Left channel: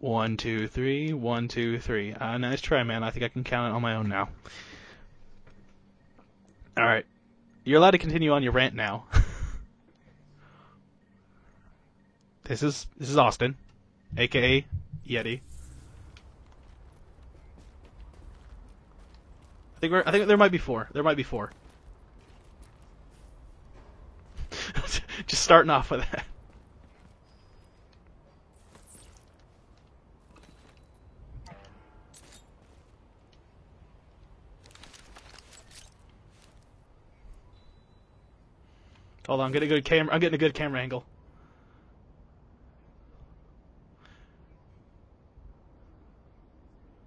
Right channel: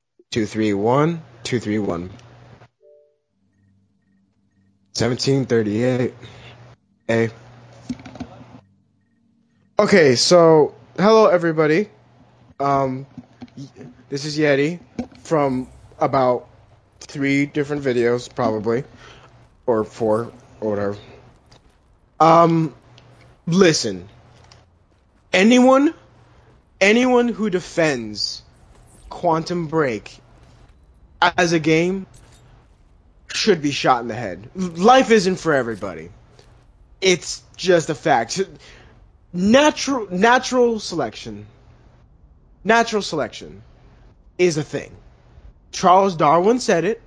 One, Two, two, three, three. one. One, Two, two, three, three. one. Nice try, man. I think I can count it on my own now. 1738. All right. A. You're allowed to continue on your rant now. Okay, so hello everybody. This is Austin. This is AKA Yeti from about 3 different videos, probably, or I 4. think there might be 4. Whatever. There might be 4. Listen. Just starting off with that. Anyone who defends Quantum Break as a game should be shot in the head. Life isn't for everybody. It's just a fact. Hold on, Natural selection. Natural selection is a thing. Charles Darwin said it.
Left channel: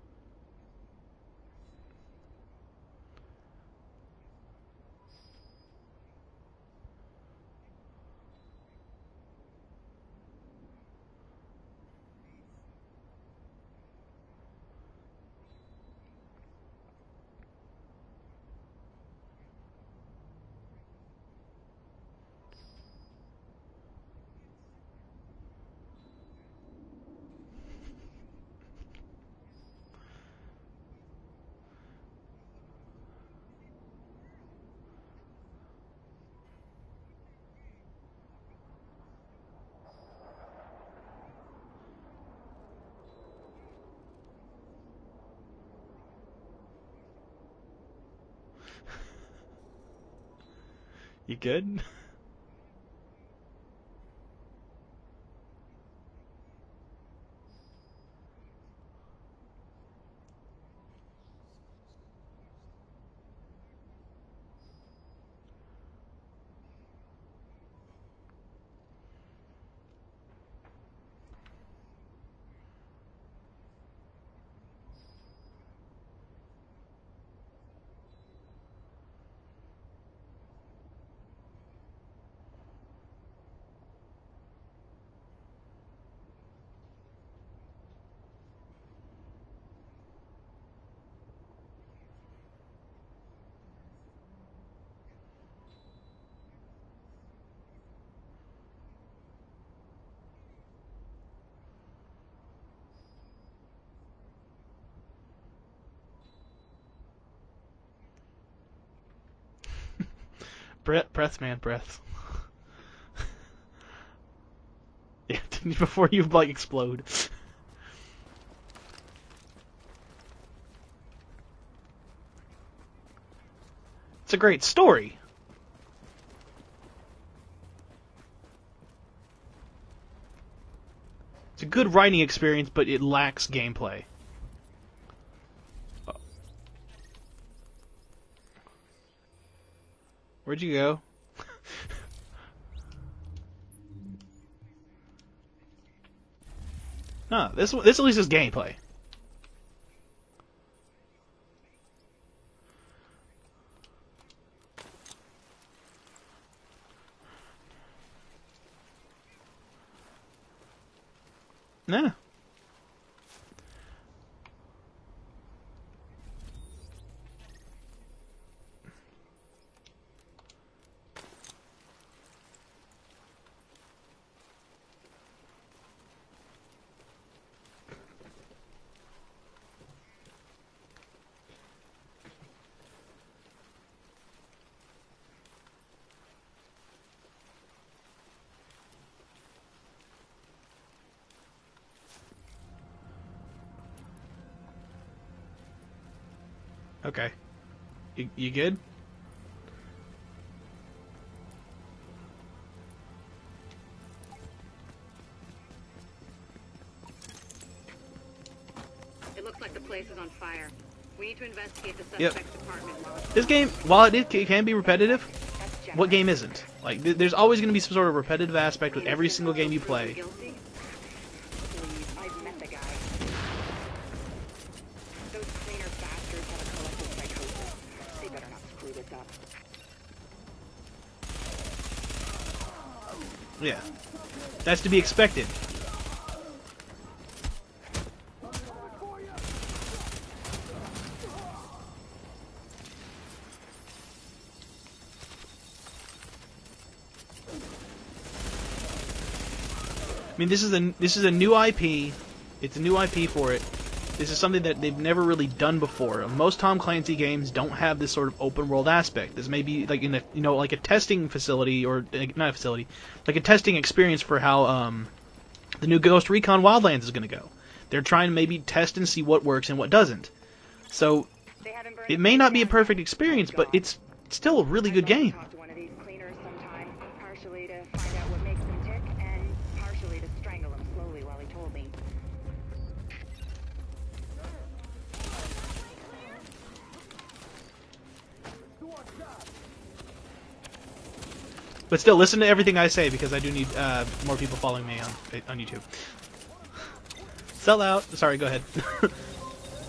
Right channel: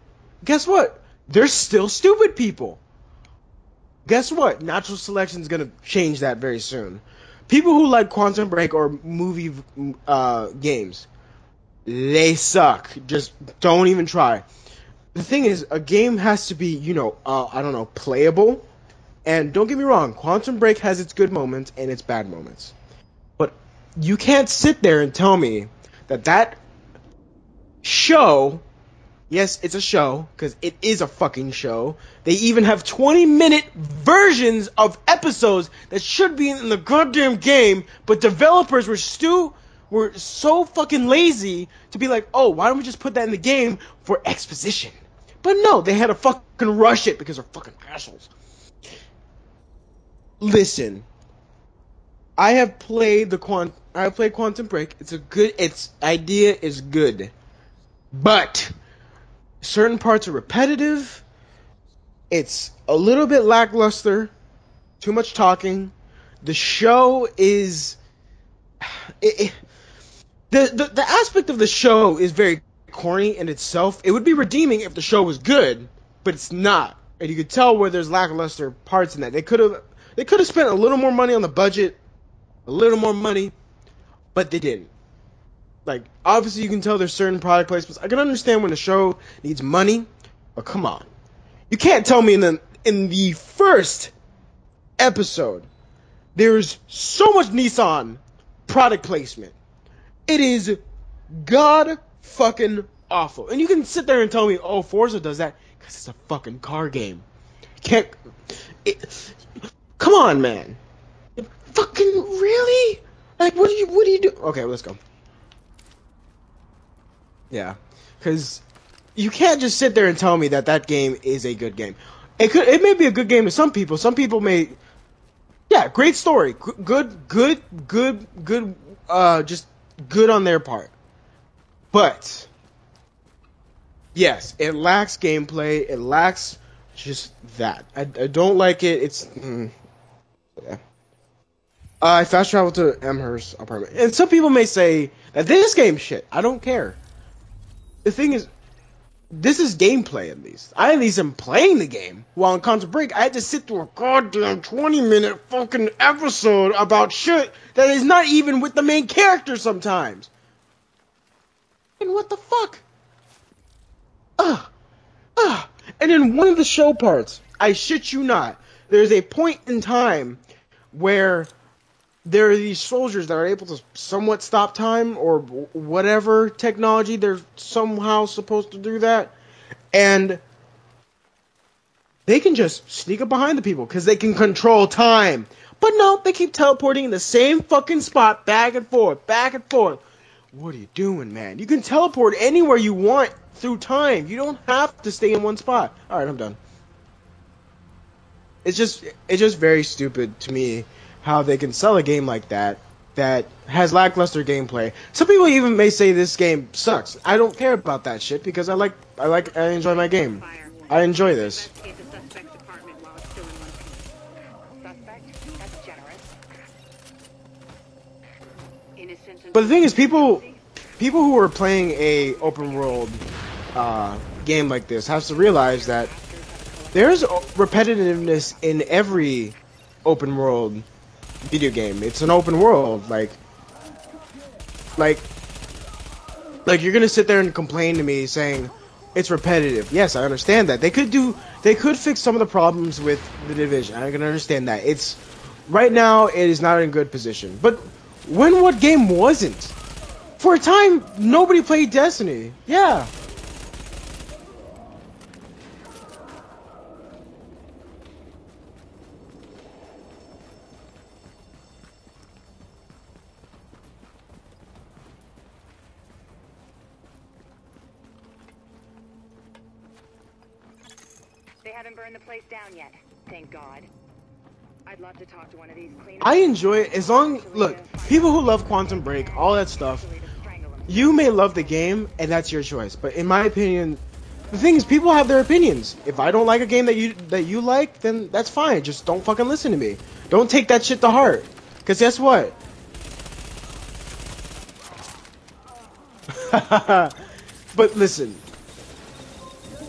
Guess what? There's still stupid people. Guess what? Natural selection is going to change that very soon. People who like Quantum Break or movie games, they suck. Just don't even try. The thing is, a game has to be, playable. And don't get me wrong, Quantum Break has its good moments and its bad moments. But you can't sit there and tell me that show, yes, it's a show, because it is a fucking show. They even have 20-minute versions of episodes that should be in the goddamn game, but developers were so fucking lazy to be like, oh, why don't we just put that in the game for exposition? But no, they had to fucking rush it because they're fucking assholes. Listen. You good? I have played Quantum Break. Its idea is good. But certain parts are repetitive. It's a little bit lackluster. Too much talking. The show is the aspect of the show is very corny in itself. It would be redeeming if the show was good, but it's not. And you could tell where there's lackluster parts in that. They could have spent a little more money on the budget, a little more money, but they didn't. Like, obviously you can tell there's certain product placements. I can understand when a show needs money, but come on. You can't tell me in the first episode there's so much Nissan product placement. It is god fucking awful. And you can sit there and tell me, oh, Forza does that because it's a fucking car game. Come on, man. Breath, man, breath. Fucking really? Like, what do you do? Okay, let's go. Yeah, before you explode. Yeah, because you can't just sit there and tell me that game is a good game. It may be a good game to some people. Some people it's a great story. Yeah, great story. Good. Just good on their part. It's a good writing experience, but it lacks gameplay. Yes, it lacks gameplay. It lacks just that. I don't like it. It's. Where'd you go? I fast traveled to Amherst apartment. And some people may say that this game's shit. I don't care. No, this at least is gameplay. This is gameplay, at least. I at least am playing the game. While in Quantum Break, I had to sit through a goddamn 20-minute fucking episode about shit that is not even with the main character sometimes. No. And what the fuck? And in one of the show parts, I shit you not, there's a point in time where there are these soldiers that are able to somewhat stop time or whatever technology they're somehow supposed to do that, and they can just sneak up behind the people because they can control time. But no, they keep teleporting in the same fucking spot, back and forth, back and forth. What are you doing, man? You can teleport anywhere you want through time. You don't have to stay in one spot. All right, I'm done. Okay. You good? It's just very stupid to me how they can sell a game like that has lackluster gameplay. Some people even may say this game sucks. I don't care about that shit because I enjoy my game. I enjoy this. Yep. This game, while it can be repetitive, what game isn't? Like, there's always going to be some sort of repetitive aspect with every single game. But the thing is, people who are playing a open world game like this have to realize that there's repetitiveness in every open world video game. It's an open world, like, yeah, that's to be expected. Like, you're gonna sit there and complain to me saying it's repetitive. Yes, I understand that. They could fix some of the problems with the Division. I can understand that. It's right now it is not in a good position. But what game wasn't? For a time, this is a nobody new played IP. Destiny. It's Yeah. a new IP for it. This is something that they've never really done before. Most Tom Clancy games don't have this sort of open world aspect. This may be like in a like a testing facility or not a facility, like a testing experience for how the new Ghost Recon Wildlands is going to go. They're trying to maybe test and see what works and what doesn't. So it may not be a perfect experience, but it's still a really good game. I enjoy it as long. Look, people who love Quantum Break, all that stuff. You may love the game, and that's your choice. But in my opinion, the thing is, people have their opinions. If I don't like a game that you like, then that's fine. Just don't fucking listen to me. Don't take that shit to heart. Because still listen to everything I say because I do need more people following me on YouTube. But listen, sorry, go ahead.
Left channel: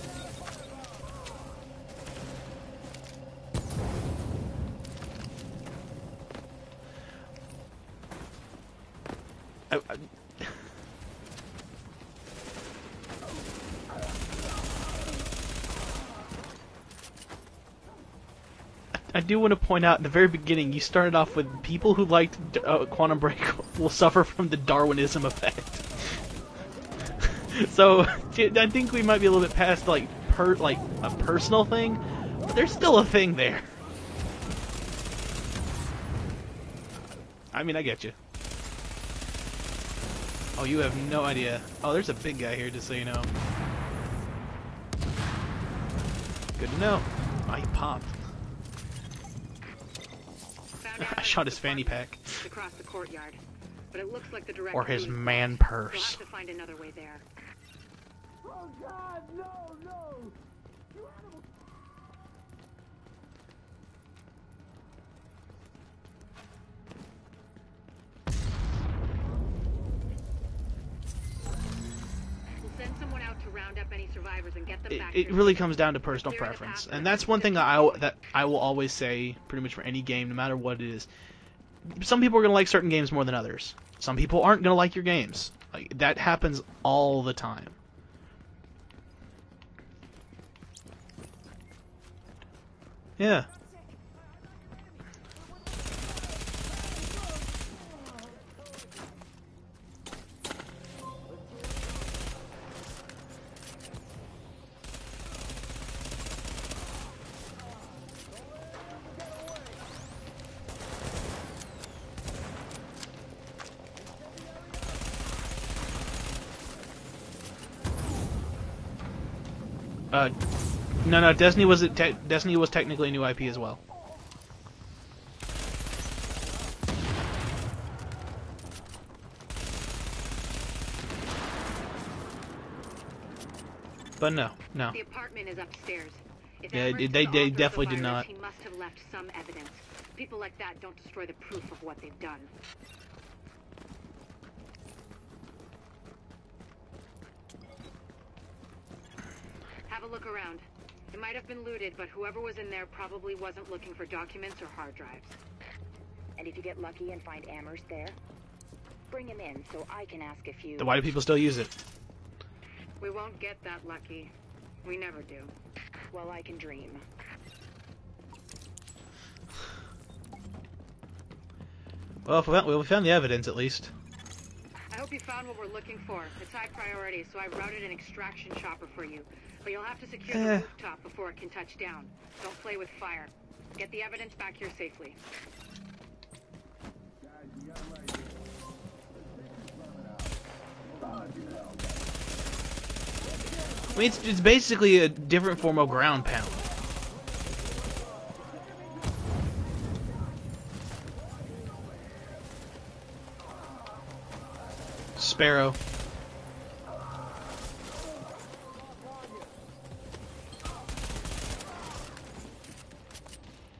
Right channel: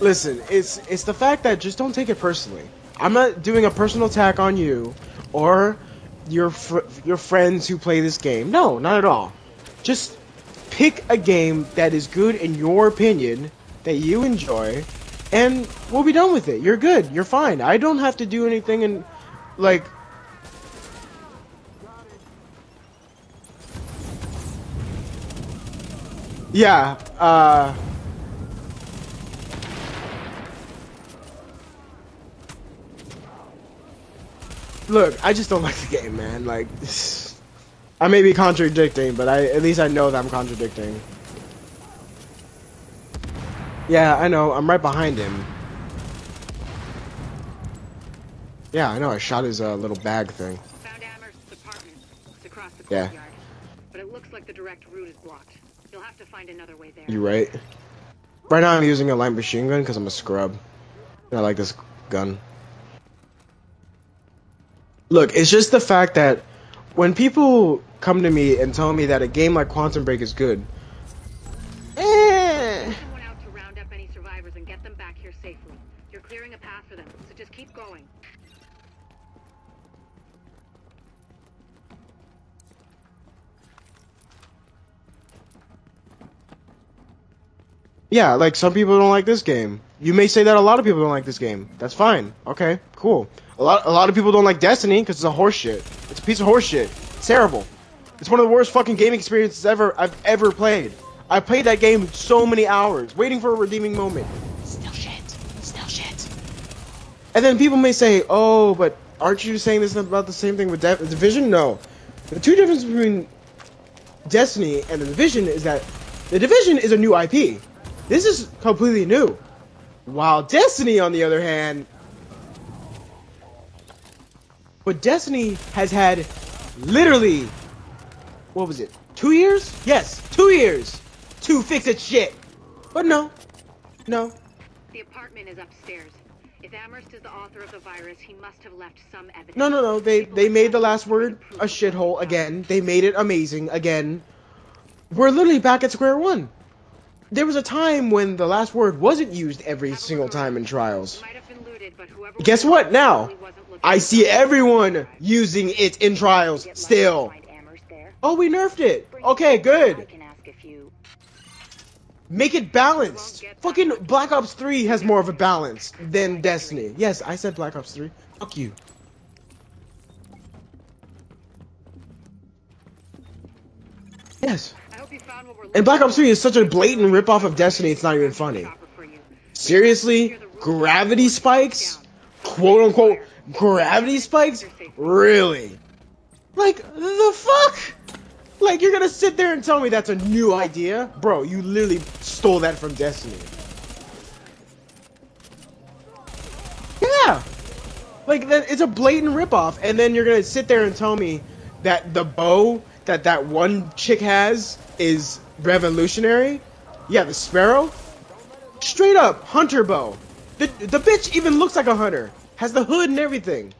Listen, it's the fact that just don't take it personally. I'm not doing a personal attack on you or your friends who play this game. No, not at all. Just pick a game that is good in your opinion, that you enjoy, and we'll be done with it. You're good. You're fine. I don't have to do anything. And I do want to point out at the very beginning, you started off with people who liked Quantum Break will suffer from the Darwinism effect. Yeah. So I think we might be a little bit past like a personal thing, but there's still a thing there. Look, I just don't like the game, man. Like. I mean, I get you. I may be contradicting, but at least I know that I'm contradicting. Oh, you have no idea. Oh, there's a big guy here, just so you know. Yeah, I know. I'm right behind him. Good to know. Oh, he popped. Yeah, I know. I shot his little bag thing. I shot his fanny pack. Yeah. But it looks like the direct or his route is man blocked. purse. You'll have to find another way there. You right. Right now I'm using a light machine gun because I'm a scrub. And I like this gun. Look, it's just the fact that when people come to me and tell me that a game like Quantum Break is good, it really comes down to personal preference, and that's one thing that I will always say pretty much for any game, no matter what it is. Some people are gonna like certain games more than others. Some people aren't gonna like your games. Like that happens all the time. Yeah, like some people don't like this game. You may say that a lot of people don't like this game. That's fine. Okay, cool. Yeah. A lot of people don't like Destiny because it's a horse shit. It's a piece of horse shit. It's terrible. It's one of the worst fucking gaming experiences I've ever played. I played that game so many hours, waiting for a redeeming moment. Still shit. Still shit. And then people may say, oh, but aren't you saying this about the same thing with Division? No. The two differences between Destiny and the Division is that the Division is a new IP. This is completely new. While Destiny, on the other hand... Destiny was technically a new IP as well. But Destiny has had literally... What was it? 2 years? Yes, 2 years to fix its shit. But no. No. But no. The apartment is upstairs. Yeah, they definitely did not. He must have left some evidence. No. They made The Last Word a shithole again. They made it amazing again. We're literally back at square one. There was a time when The Last Word wasn't used every single time in Trials. Guess what now? I see everyone using it in Trials still. Oh, we nerfed it. Okay, good. Then why do people still use it? Make it balanced. Fucking Black Ops 3 has more of a balance than Destiny. Yes, I said Black Ops 3. Fuck you. Well, we found the evidence at least. Yes. And Black Ops 3 is such a blatant ripoff of Destiny, it's not even funny. Seriously? Gravity spikes? Quote unquote, gravity spikes? Really? Like, the fuck? Like, you're gonna sit there and tell me that's a new idea? Bro, you literally stole that from Destiny. I mean, it's basically a different form of ground pound. Yeah! Like, it's a blatant ripoff, and then you're gonna sit there and tell me that the bow that one chick has is Sparrow. Revolutionary? Yeah, the Sparrow? Straight up, hunter bow. The bitch even looks like a hunter. Has the hood and everything.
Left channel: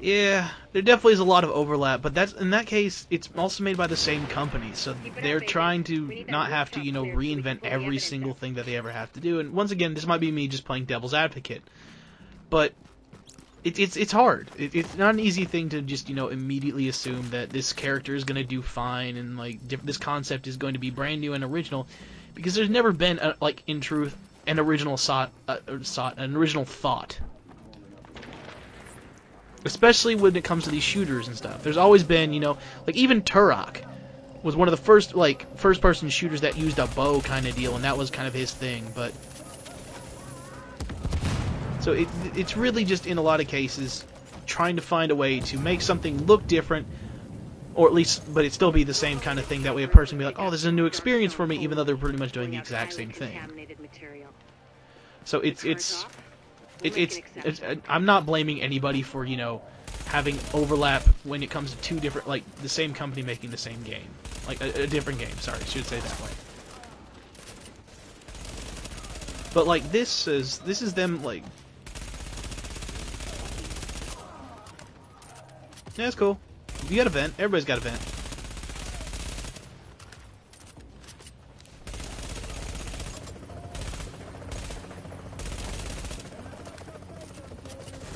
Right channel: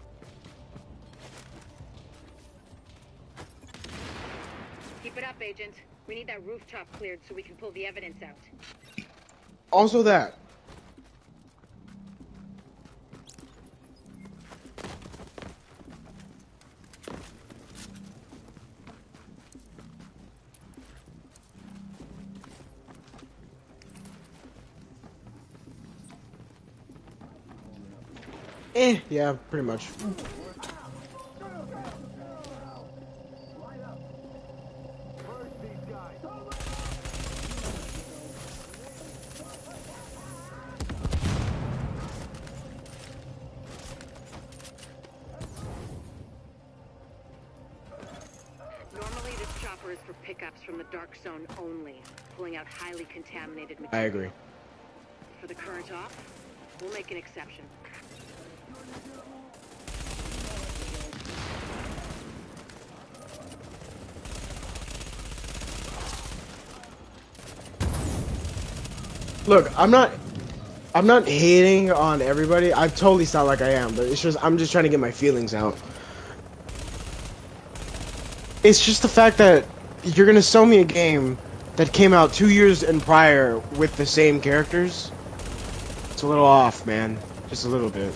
Yeah, there definitely is a lot of overlap, but that's in that case, it's also made by the same company, so they're trying to not have to, reinvent every single thing that they ever have to do. And once again, this might be me just playing devil's advocate, but it's hard. It's not an easy thing to just immediately assume that this character is going to do fine and like this concept is going to be brand new and original, because there's never been in truth an original thought. Yeah, pretty much. Especially when it comes to these shooters and stuff. There's always been, like even Turok was one of the first like first-person shooters that used a bow kind of deal, and that was kind of his thing. But so it's really just in a lot of cases trying to find a way to make something look different, or at least, but it still be the same kind of thing. That way a person be like, oh, this is a new experience for me, even though they're pretty much doing the exact same thing. I agree. So it's I'm not blaming anybody for, you know, having overlap when it comes to two different, like, the same company making the same game. Like, a different game, sorry, I should say that. Look, like, I'm not like, hating on everybody. I totally sound like I am, but it's just, I'm just trying to get my feelings out. Yeah, that's cool. You got a vent. Everybody's got a vent. It's just the fact that you're gonna sell me a game that came out 2 years and prior with the same characters. It's a little off, man. Just a little bit.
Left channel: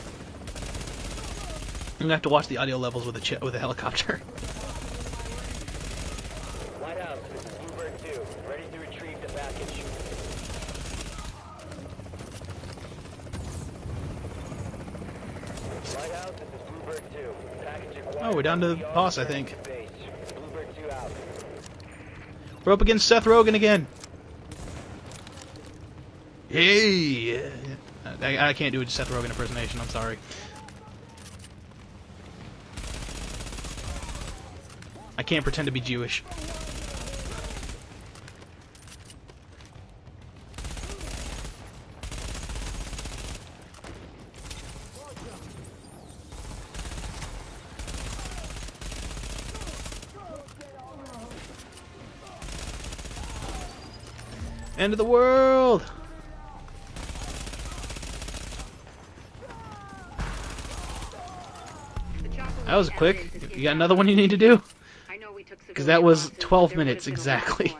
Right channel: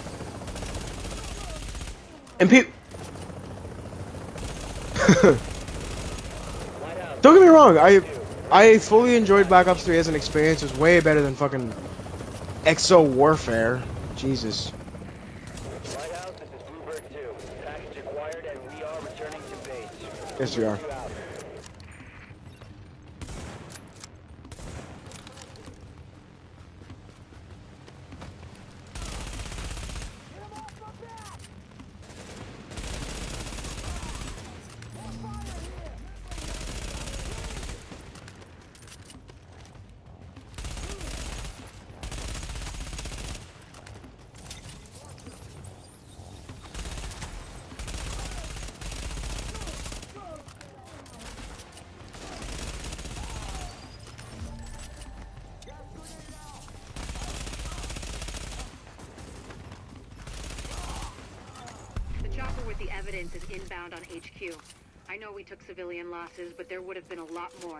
I'm gonna have to watch the audio levels with a helicopter. Don't get me wrong. I fully enjoyed Black Ops 3 as an experience. It's way better than fucking Exo Warfare. Jesus. Oh, we're down to the boss, I think. Yes, we are. We're up against Seth Rogen again. Hey! I can't do a Seth Rogen impersonation, I'm sorry. I can't pretend to be Jewish. End of the world! That was quick. You got another one you need to do? Because that was 12 minutes exactly.